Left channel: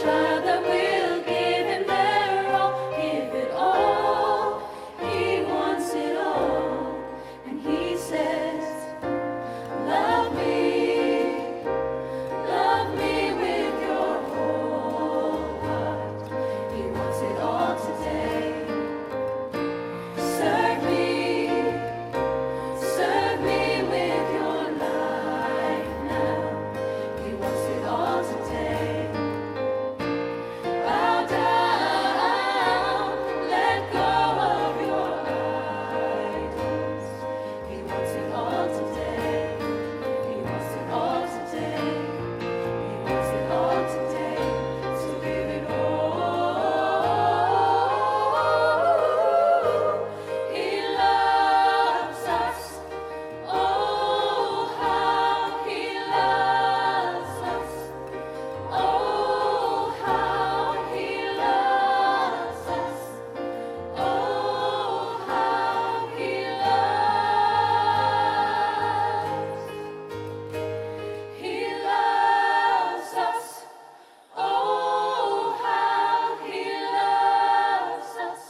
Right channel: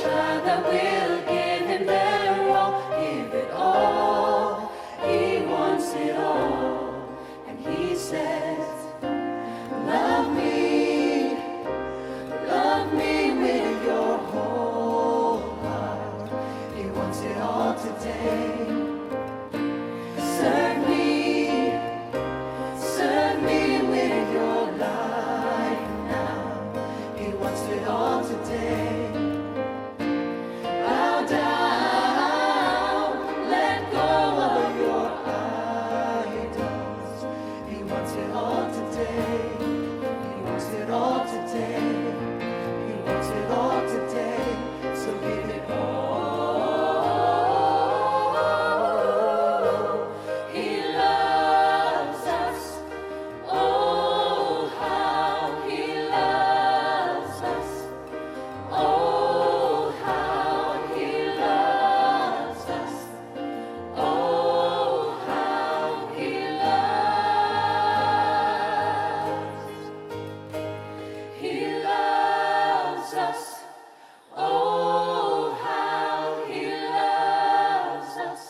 child that will give him their all, give it all. He wants it all, and he says, love me with your whole heart. He wants it all today. Serve me with your life now. He wants it all today. Bow down, let go of your idols. He wants it all today. He wants it all today. He wants it all today. So give it all. He loves us. Oh, how he loves us. Oh, how he loves us. Oh, how he loves. He loves us. Oh, how he loves us.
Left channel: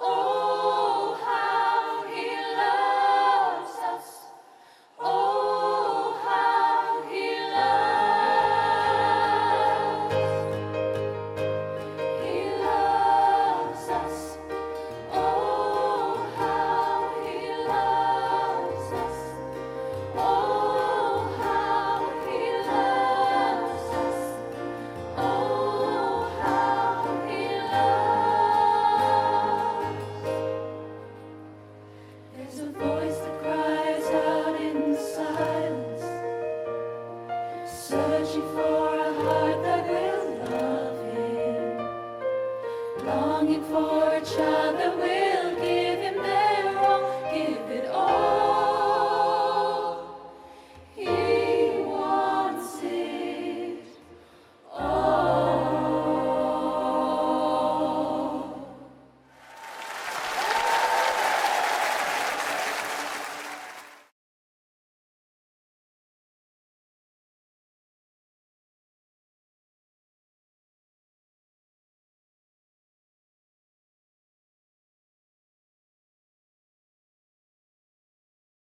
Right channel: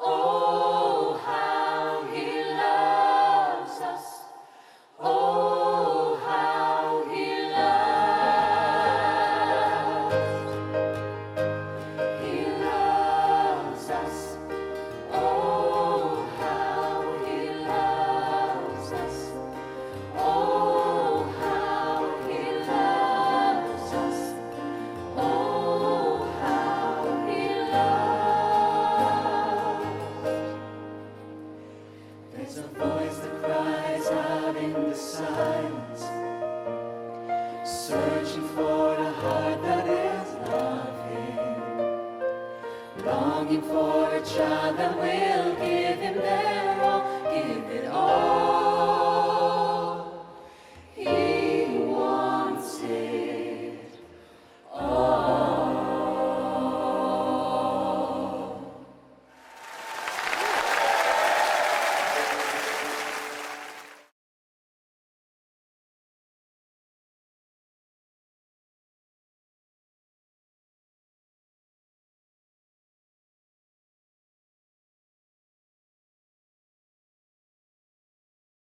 Oh, how he loves us. Oh, how he loves. He loves us. Oh, how he loves us. Oh, how he loves us. Oh, how he loves. There's a voice that cries out in the silence, searching for a heart that will love him, longing for a child that will give him their